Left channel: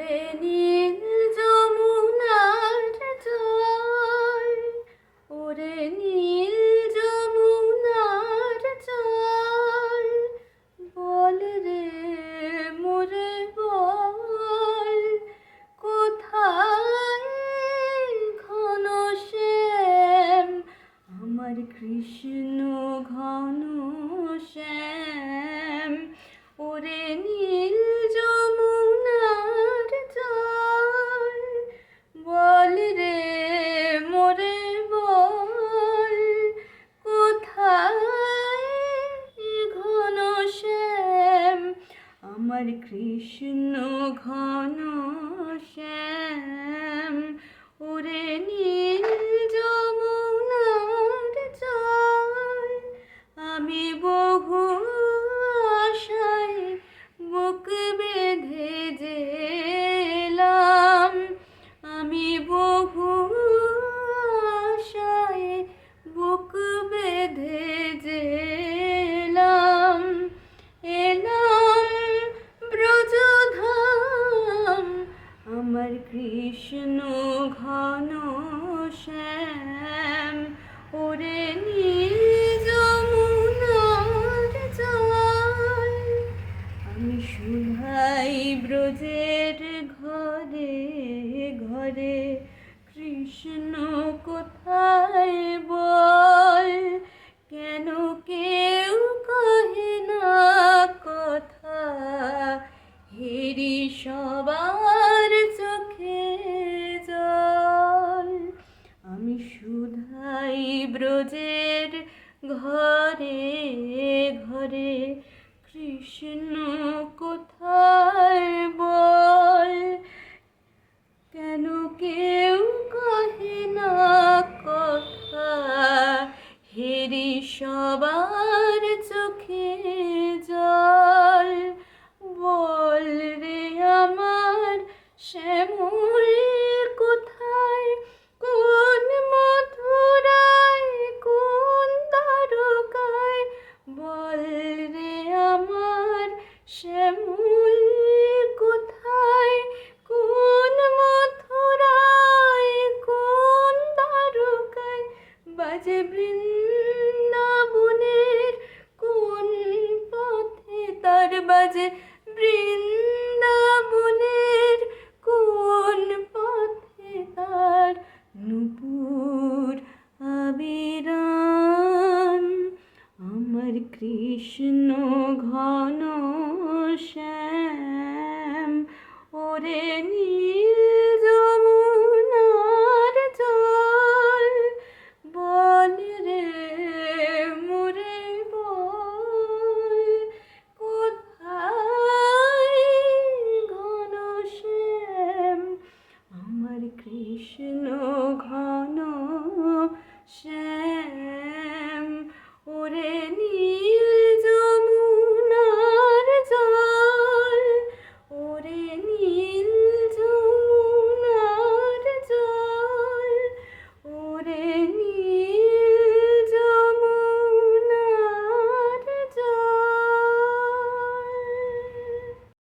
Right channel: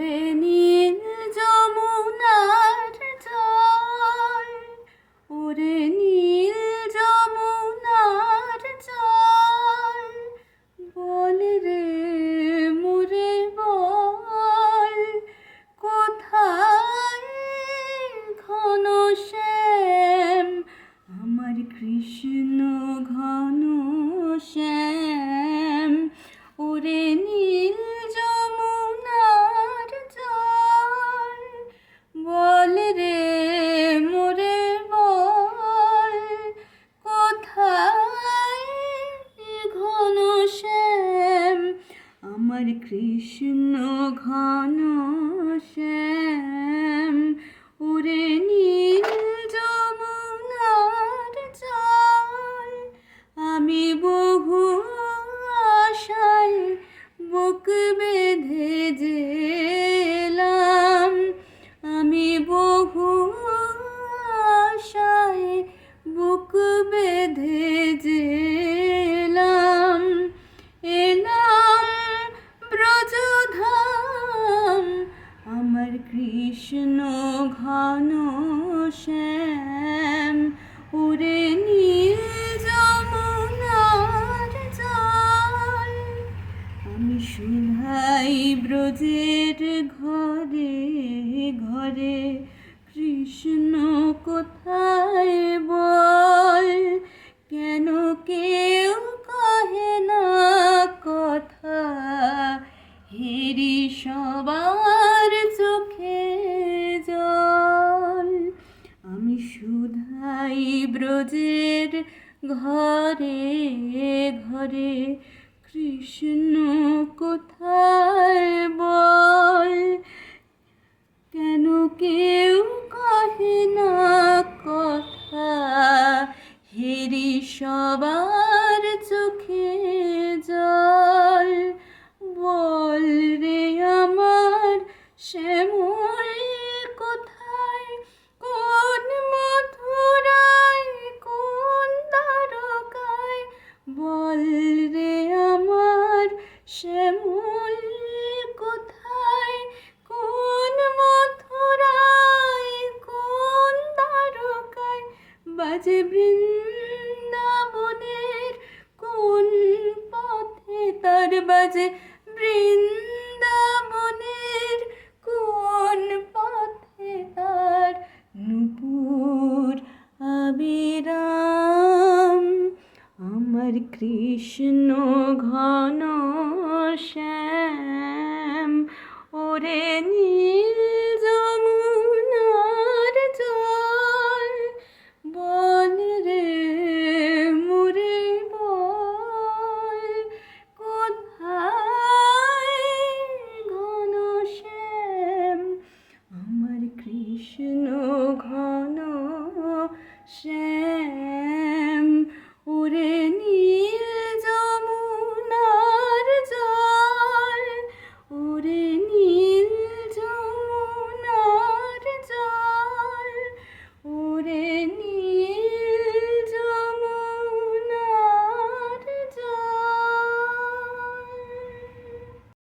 ওরে নীল যমুনার জল। ওরে নীল যমুনার জল, বল রে মোরে বল, কোথায় ঘন শ্যাম? আমার কৃষ্ণ ঘন শ্যাম। কৃষ্ণ ঘন শ্যাম, ওরে নীল যমুনার জল আমি বহু আশায় বুক বেঁধে যেলাম আমি বহু আশায় বুক বেঁধে আমার কৃষ্ণ ঘন শ্যাম। ওরে নীল যমুনার জল আমি শুধাই ব্রজের ঘরে ঘরে। কৃষ্ণ কোথায় বল? কেন কেউ কহে না কথা? হেরি সবার শুধাই ব্রজের ঘরে ঘরে কৃষ্ণ বাজে বৃন্দাবনের কোন পথে তার নুপুর আবিরাম। আমার কৃষ্ণ ঘন শ্যাম ওরে